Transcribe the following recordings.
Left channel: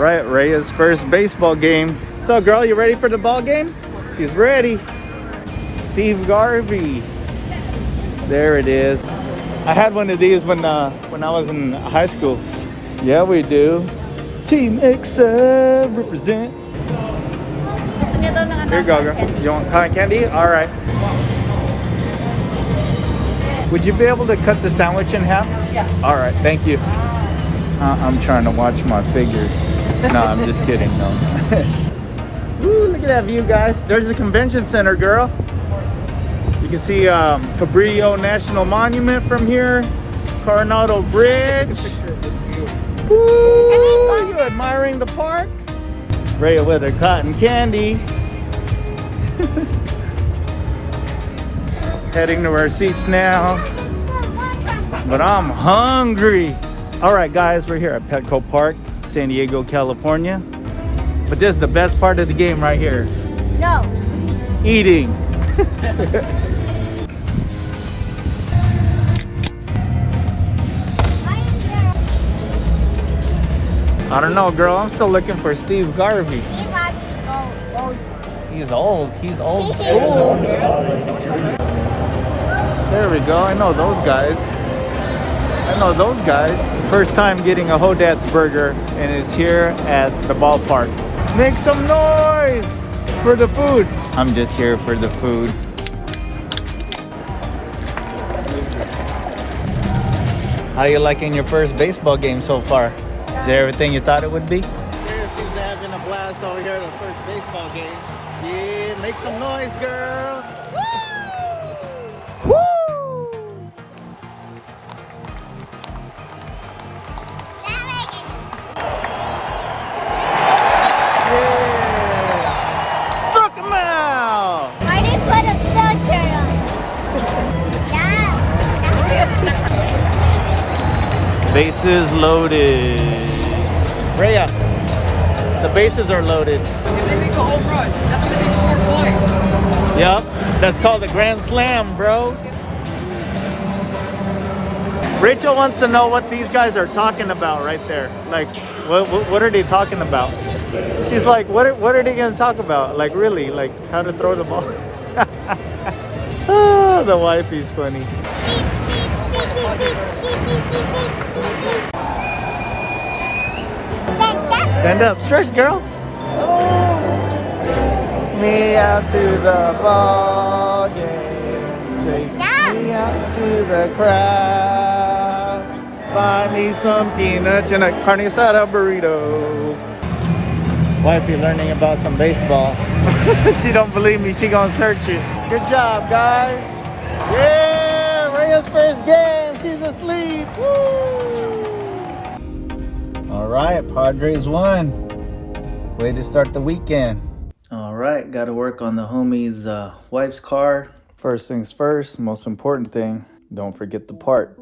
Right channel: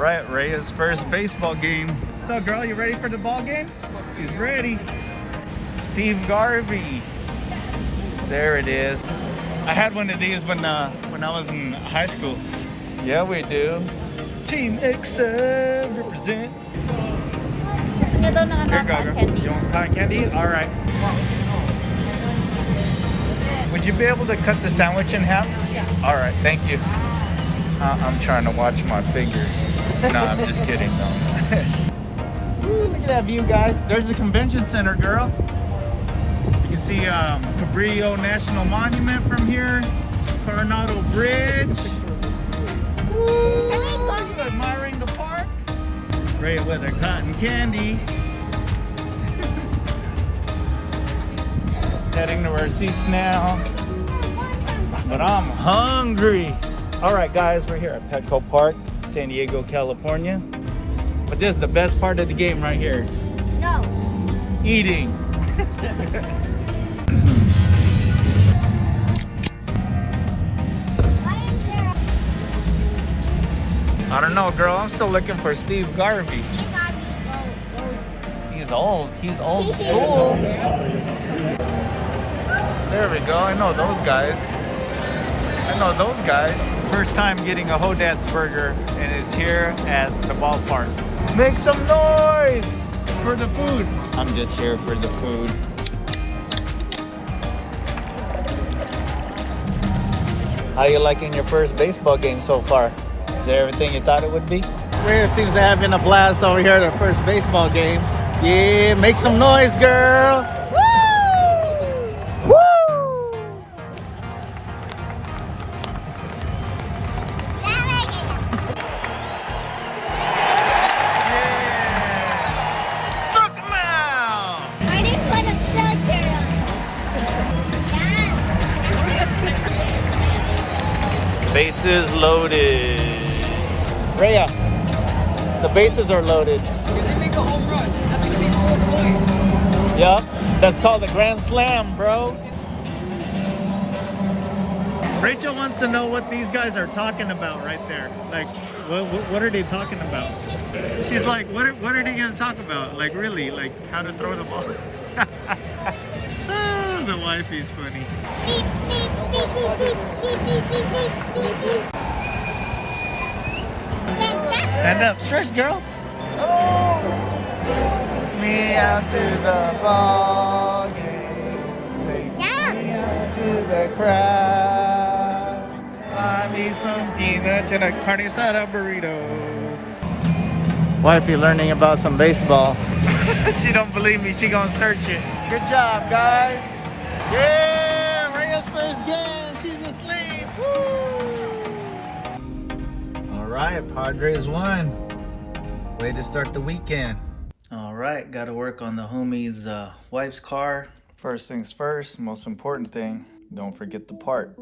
right, Rhea's first baseball game. So, girl, you ready for the ball game? She's ready. Steve Garvey. There it is. I had one of these when I was in high school. Yeah, we do. Team XF represent. Here you go, girl. You want cotton candy? All right. Would you be able to cut the sandwich in half? Yeah. All right, thank you. I'm trying to watch my figure. No, I'm just kidding, no. Ooh, look at that view, guys. There's the convention center, girl. You can see Cabrillo National Monument from here. Coronado Bridge. Ooh, you admiring the park? Rhea with her cotton candy. Heading to our seats now. But I'm hungry. All right, guys, we're here at Petco Park, San Diego, California. But this is the best part of the game right here. No. Eating. I don't know, girl. I'm still looking for Steve Garvey. Steve Garvey old. He's old. He's old school. There we go. I know those guys. First time getting a Hodad's burger, and it's here at the ballpark. Make some noise for the food. I'm just here for the food. How you liking your first baseball game so far? Is it everything you thought it would be? Rhea seems to have been a blast over here at our first baseball game. Yeah, make some noise, girl. Woo! Woo! Yeah! Struck him out! I didn't put a filter on. Bases loaded. Rhea, the bases are loaded. If they make a home run, that's gonna be 4 points. Yep, that's called a grand slam, bro. Rachel wants to know what these guys are talking about right there. Like, what are they talking about? She's like, what are they gonna talk about? Like, really? Like, how to throw the ball? Oh, the wifey's funny. Beep, beep, beep, beep, beep, beep, beep, beep, beep, beep. Stand up, stretch, girl. Oh, me out to the ball game. Take me out to the crowd. Buy me some peanuts and a carne asada burrito. Wifey learning about some baseball. She don't believe me. She gonna search it. Good job, guys. Yeah, Rhea's first game. She's asleep. Woo! All right, Padres won. Way to start the weekend. All right, got to work on the homie's wife's car. First things first, most important thing, don't forget the part.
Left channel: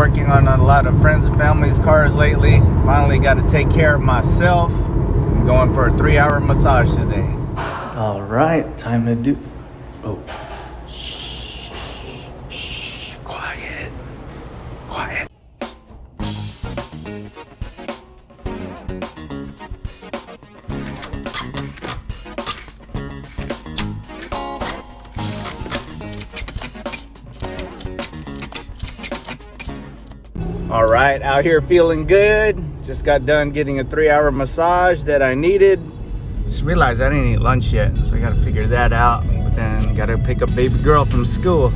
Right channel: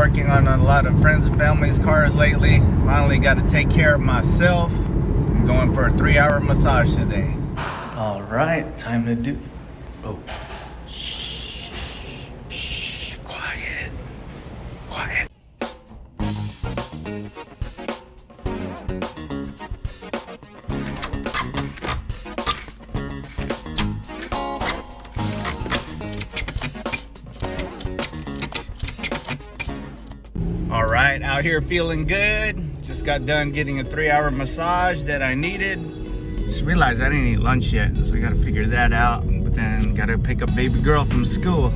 working on a lot of friends and family's cars lately. Finally got to take care of myself. I'm going for a 3-hour massage today. All right, time to do. Oh, quiet, quiet. All right, out here feeling good. Just got done getting a 3-hour massage that I needed. Just realized I didn't eat lunch yet, so I gotta figure that out. But then gotta pick up baby girl from school.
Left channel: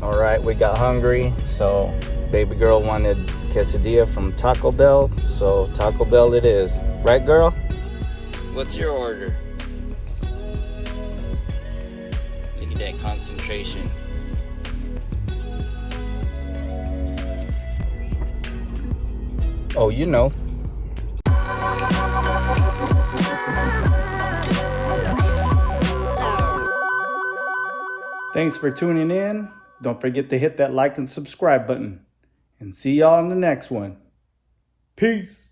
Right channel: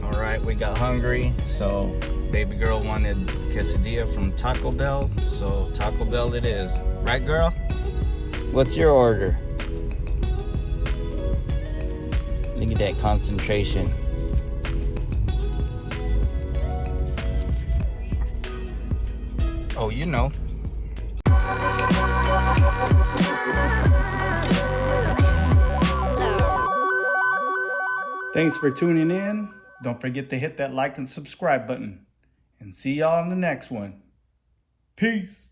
All right, we got hungry, so baby girl wanted quesadilla from Taco Bell, so Taco Bell it is. Right, girl? What's your order? Look at that concentration. Oh, you know. Thanks for tuning in. Don't forget to hit that like and subscribe button. And see y'all in the next one. Peace.